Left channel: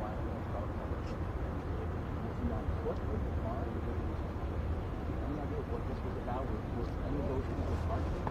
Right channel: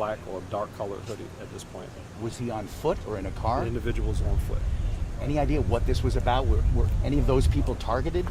black or dark colored hoodie at this point. Was he on foot or in a car? The individual was on foot. Any idea what this was about? Were any of those people targeted?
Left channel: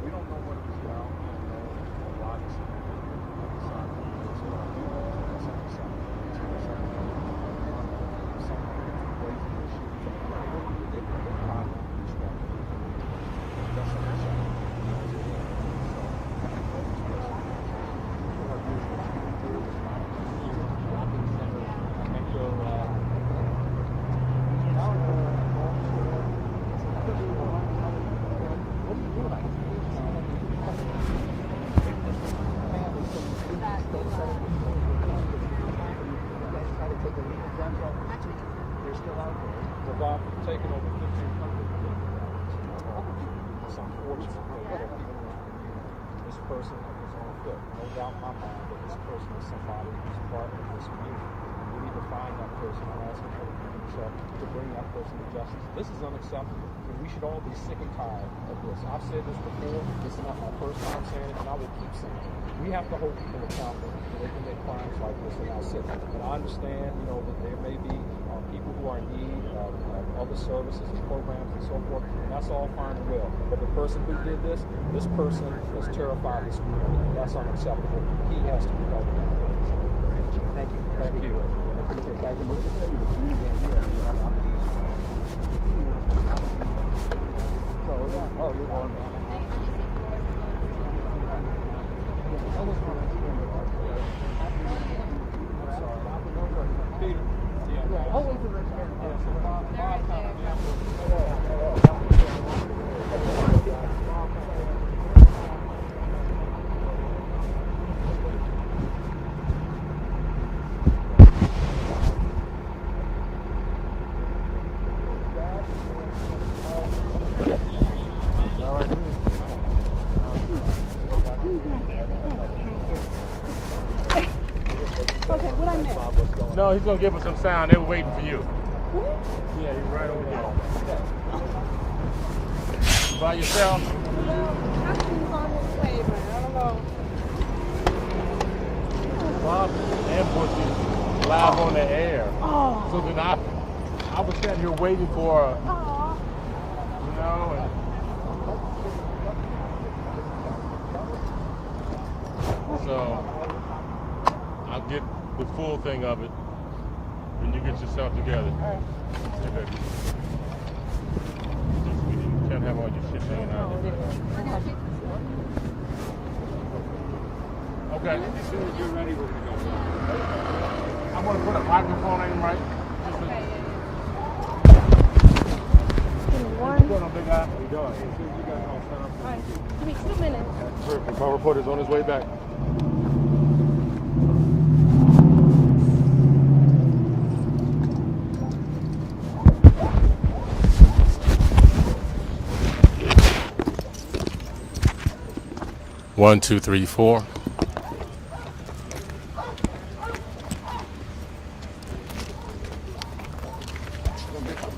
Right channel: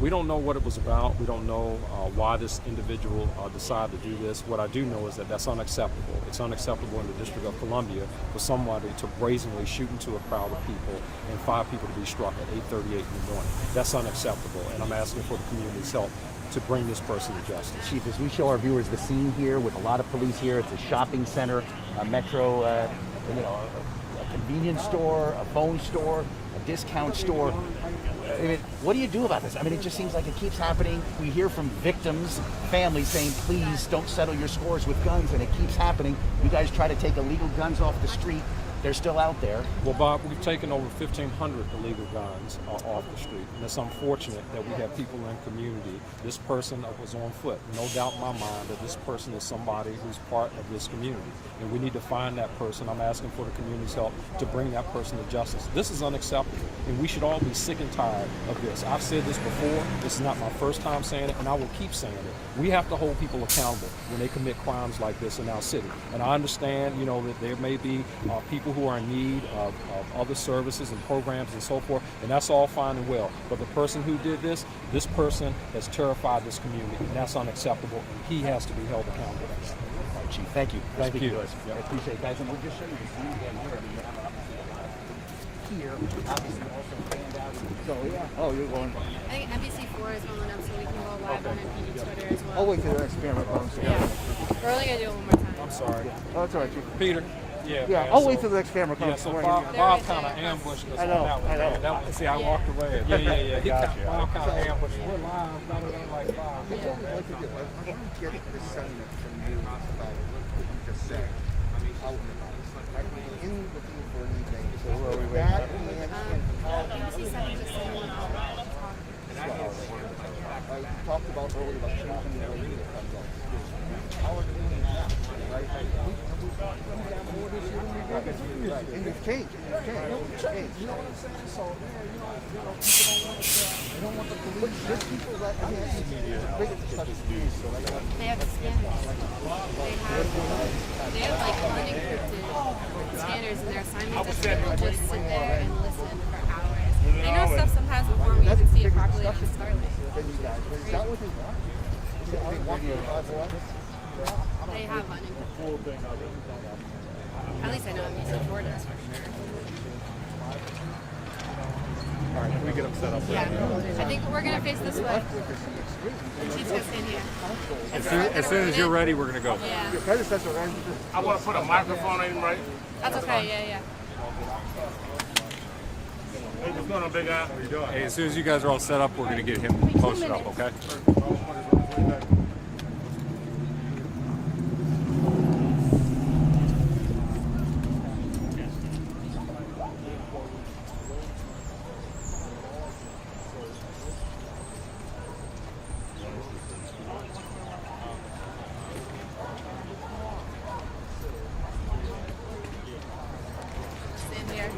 We don't know what it was about. We don't know why this individual decided to do this. What I do know is that that's unacceptable. It's unacceptable in the District of Columbia for somebody to brazenly shoot into a crowd of people and 5 people to be struck at 8:38 in the morning. That's unacceptable, and I'm asking for the community's help to bring this person to justice. Chief, as we show our viewers the scene here with a lot of police here, it's a shopping center, a metro, a convenience store, a phone store, a discount store. I mean, what do you do about this? I mean, it just seems like it keeps happening. We hear from victims, families saying, please don't settle your scores with guns, and it keeps happening. You guys try to take illegal guns off the street. They're still out there. Well, Bob, we've taken over 1,500 illegal guns off the street. And it's unfortunate that we have people in our community. This person was on foot. No doubt in my mind that this person is somebody who's part of this community. And we need to find that person. I'm asking for the community's help to bring that person to justice. This is unacceptable, and we should all be sick and tired of this. I've said this before. This is not my first time saying it, and I will keep saying it. We have to hold people accountable when they commit crimes like this in our city. And I understand, that there may be people who are in need of other services and programs and so forth, and that's all fine and well. But the person who did this person has terrified this community. That's unacceptable. He has to be held accountable. Chief, thank you. Thank you. I appreciate it, guys. Oh, you're on. I think NBC4 is one up, so we can go live on Twitter as well. Oh, wait, for the next camera. Yeah. We're only going to do it one more time. I'm sorry. Oh, it's all right, Chief. Peter. Yeah, I'll wait till the next camera Yeah, comes. so Right. Bob kind of ambushed us. I know, on that I know. one. That one, see, I walked away. Yeah. Bob kind of ambushed us. No, he's gonna give us some sound. They're waiting for you. By yourself? Ambushes live on the air. I was sitting here waiting for. I know stuff sometimes before we even see it properly at the start. They have money. The full thing of it. At least I know it's important. Yeah. I think we're going to face this way. The chief's going to stand here. As soon as you're ready, we're going to go. Yeah. I want to put a microphone on him, right? That's okay, yeah. What's going on, big guy? How you doing? Hey, as soon as you guys are all set up, we're going to get him posted up, okay? My reporter's on his way back. One, two, three, four. Stand there.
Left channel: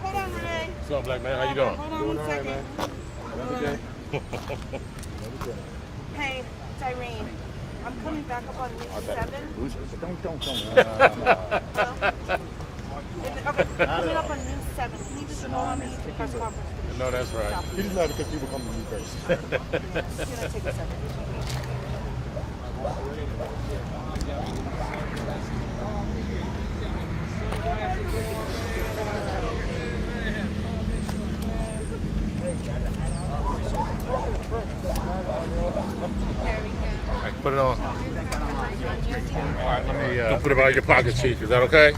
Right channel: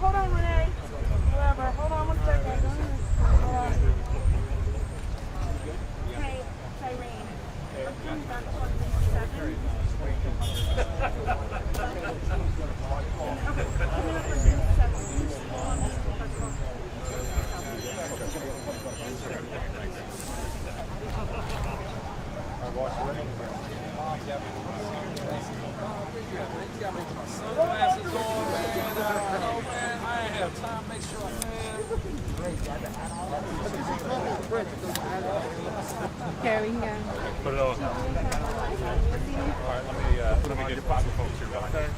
Hold on, Renee. What's up, black man? How you doing? Hold on 1 second. Hey, it's Irene. I'm coming back on News 7. Okay, coming up on News 7. Can you just go on this press conference? No, that's right. He's not because people come to me first. Put it on. All right, let me don't put it out of your pocket, Chief. Is that okay?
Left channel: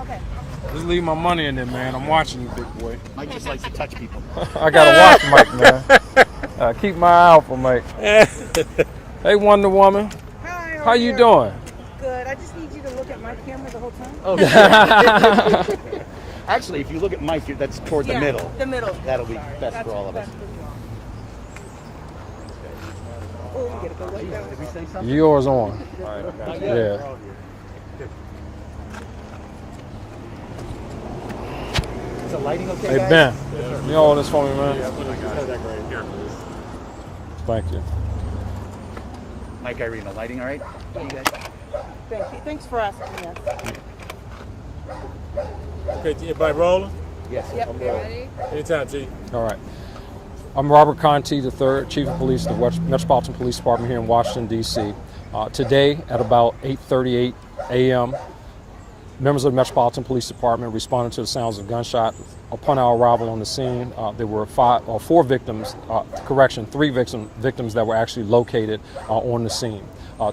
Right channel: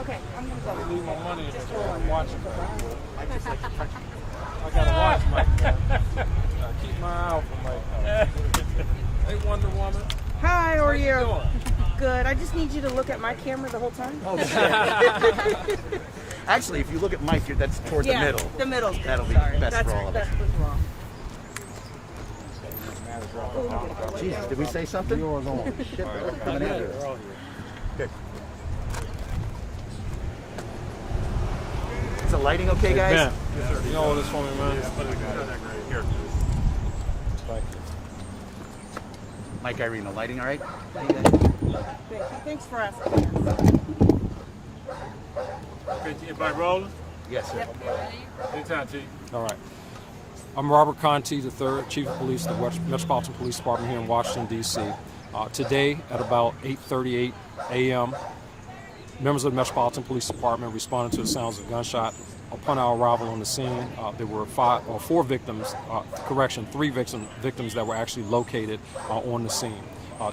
Okay, I'm going to go. Just leave my money in there, man. I'm watching you, big boy. Mike just likes to touch people. I got to watch Mike, man. Keep my eye out for Mike. Hey, Wonder Woman. Hi, How you doing? Good. I just need you to look at my camera the whole time. Oh, Actually, if you look at Mike, that's towards the middle. The middle. That'll be best That's for all of us. best for all. Jesus, did we say something? Yours on. Yeah. Is the lighting okay, Hey, guys? Ben, you know all this for me, man? Thank you. Mike, Irene, the lighting all right? Thank you. Thanks for asking us. Okay, everybody rolling? Yes, sir. You ready? Anytime, Chief. All right. I'm Robert Conti III, Chief of Police of the Metropolitan Police Department here in Washington, D.C. Today at about 8:38 a.m., members of the Metropolitan Police Department responded to the sounds of gunshot. Upon our arrival on the scene, there were three victims that were actually located on the scene.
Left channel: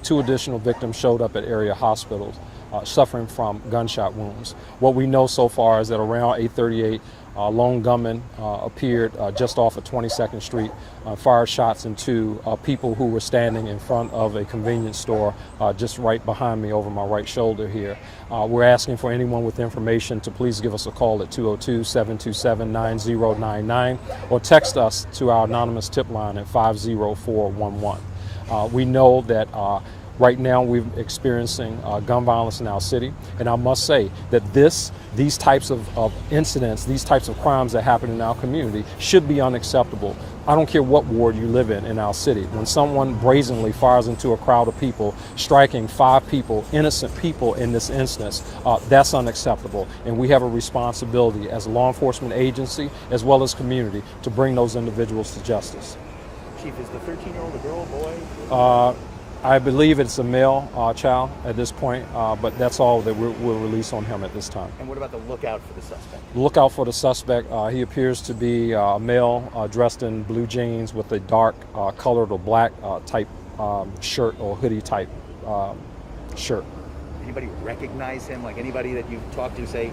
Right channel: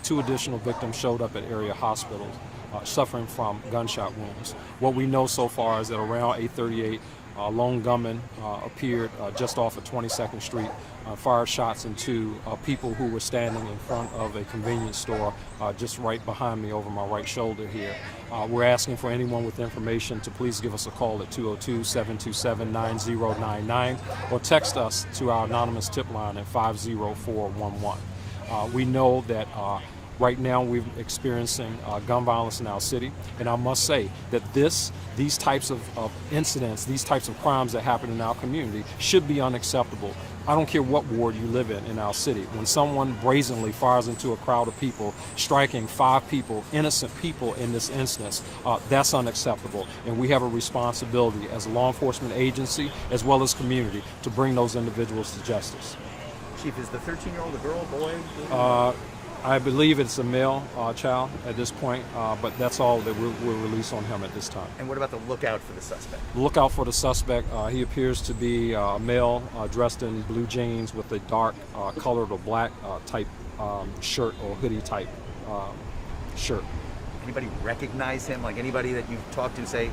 2 additional victims showed up at area hospitals suffering from gunshot wounds. What we know so far is that around 8:38, lone gunman appeared just off of 22nd Street, fired shots into people who were standing in front of a convenience store just right behind me over my right shoulder here. We're asking for anyone with information to please give us a call at 202-727-9099 or text us to our anonymous tip line at 50411. We know that right now we're experiencing gun violence in our city, and I must say that these types of incidents, these types of crimes that happen in our community should be unacceptable. I don't care what ward you live in our city. When someone brazenly fires into a crowd of people, striking 5 people, innocent people in this instance, that's unacceptable. And we have a responsibility as a law enforcement agency as well as community to bring those individuals to justice. Chief, is the 13-year-old a girl, boy? I believe it's a male child at this point, but that's all that we'll release on him at this time. And what about the lookout for the suspect? Look out for the suspect. He appears to be a male dressed in blue jeans with a dark colored or black type shirt or hoodie type shirt. Anybody recognize him? Like anybody that you've talked to say,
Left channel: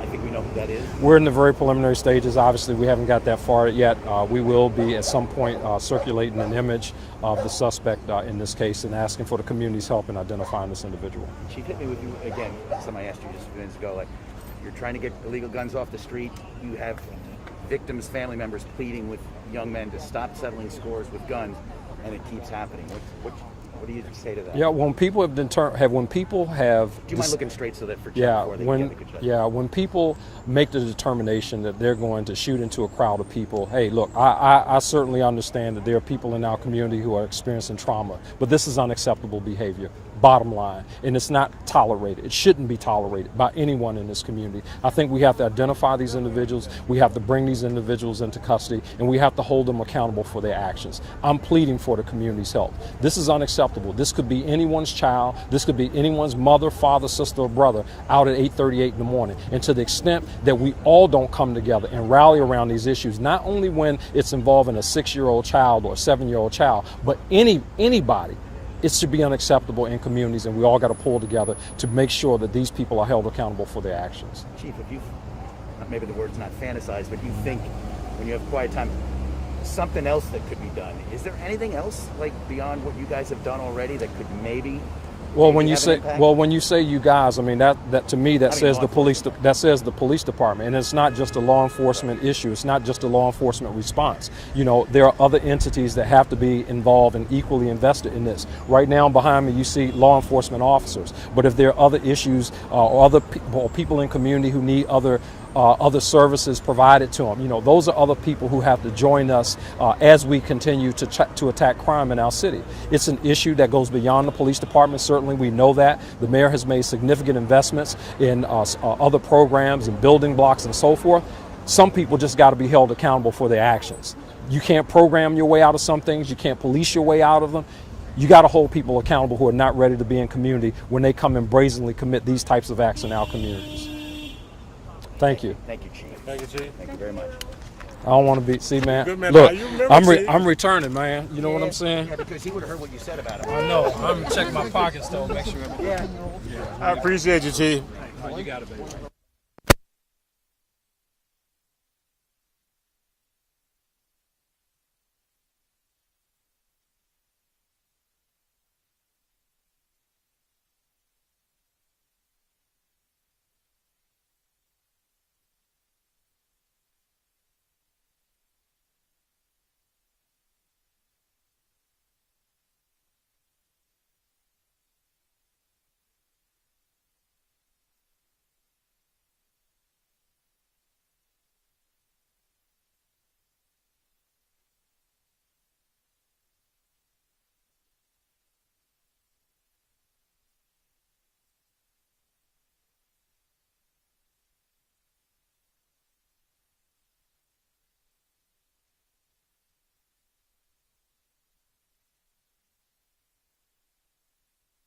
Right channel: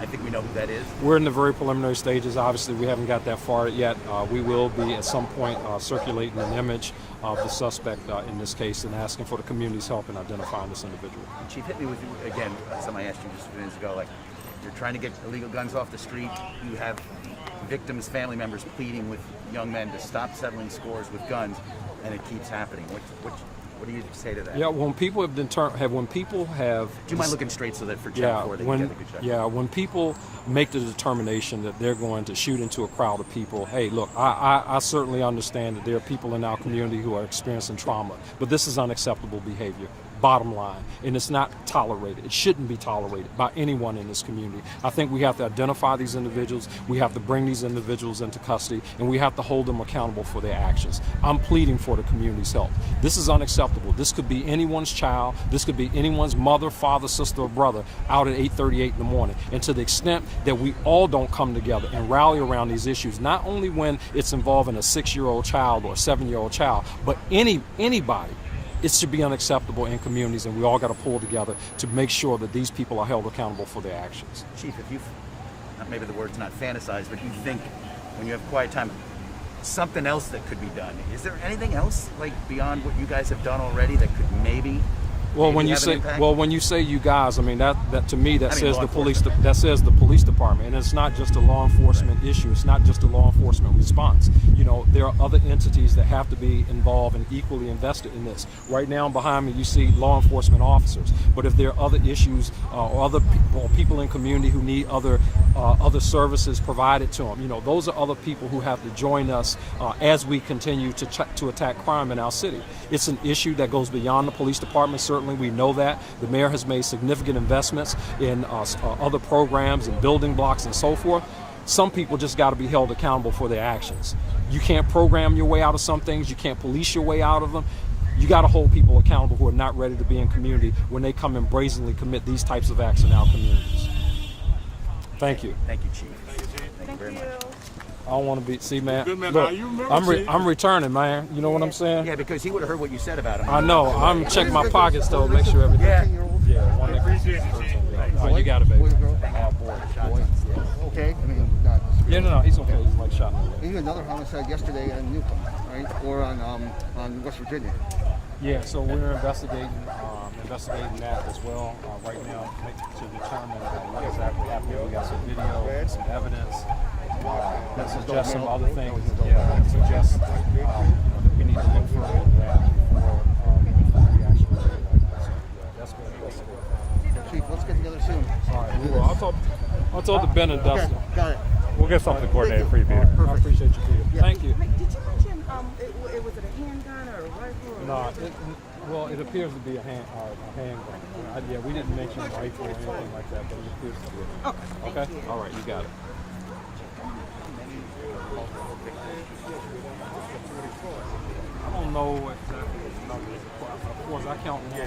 I think we know who that is? We're in the very preliminary stages. Obviously, we haven't got that far yet. We will be at some point circulating an image of the suspect in this case and asking for the community's help in identifying this individual. Chief, hit me with, again, something I asked you just a few minutes ago, like, you're trying to get illegal guns off the street, you have victims' family members pleading with young men to stop settling scores with guns, and it keeps happening. What do you say to that? Yeah, when people have Do you mind looking straight so that for Channel 4 they can get a good shot? when people make the determination that they're going to shoot into a crowd of people, hey, look, I certainly understand that there are people in our community who are experiencing trauma, but this is unacceptable behavior. Bottom line, and it's not tolerated. It shouldn't be tolerated by anyone in this community. I think we have to identify these individuals, we have to bring these individuals into custody, and we have to hold them accountable for their actions. I'm pleading for the community's help. This is unacceptable. This could be anyone's child, this could be anyone's mother, father, sister, or brother out at 8:38 in the morning. And to the extent that we all don't come together and rally around these issues, not only when it's involving a 6-year-old child or a 7-year-old child, but anybody, it should be unacceptable in communities, and we all got to pull together to make sure that these people are held accountable for their actions. Chief, if you've, maybe the word's not fantasize, but you think when you have quiet time, something else that could be done. Is there anything else, like, beyond what you guys have done already that could maybe Well, when you say you guys, I mean that to me says the police department, and it's not just a law enforcement issue. It's not just a law enforcement response. You know, there are other entities that have to be involved and equally invested in this. Right now, behind me, you see law enforcement officers. But if there are other issues or other people in community who need other services provided to them, you know, those are other people who have to join us as we continue to attack crime in our city. It's an issue that goes beyond the police department. Certainly, we know that. The mayor has made significant investments in other programs and building blocks and so forth. Some people just got to be held accountable for their actions. You can't program your way out of some things. You can't police your way out of them. You got to hold people accountable who are not ready to be in community when they come and brazenly commit these types of acts in our communities. Thank you. Thank you, Chief. Thank you, Chief. Thank you very much. I don't want to be, see, man. Good man. Look, Now, you remember, I'm returning, man. You know what I'm saying? Yeah, because he would have heard what you said about it. I know. I'm checking my pockets though, make sure everything. Yeah. I appreciate you, Chief. You got it, baby. Okay, I mean, Yeah, no, he's okay. He's like shot. even another homicide yesterday in Newcomb, right? Or on West Virginia. Yeah, so we're investigating that as well right now to determine what exactly happened. We got some video, some evidence that suggests some other things. Yeah, that suggests that we need to look further into that before soon. All right, we will. I'll talk to Ben and Okay, Dustin. got it. We'll get something coordinated for you, Peter. I appreciate you, Peter. Thank you. Mike, did you mention was it a handgun or a rifle? Or No, well, it appears to be a handgun. Yeah, we didn't mention rifle or anything like that, but it appears to be. Okay. Okay? All right, you got it. I don't know exactly what the number is. Of course, I count one.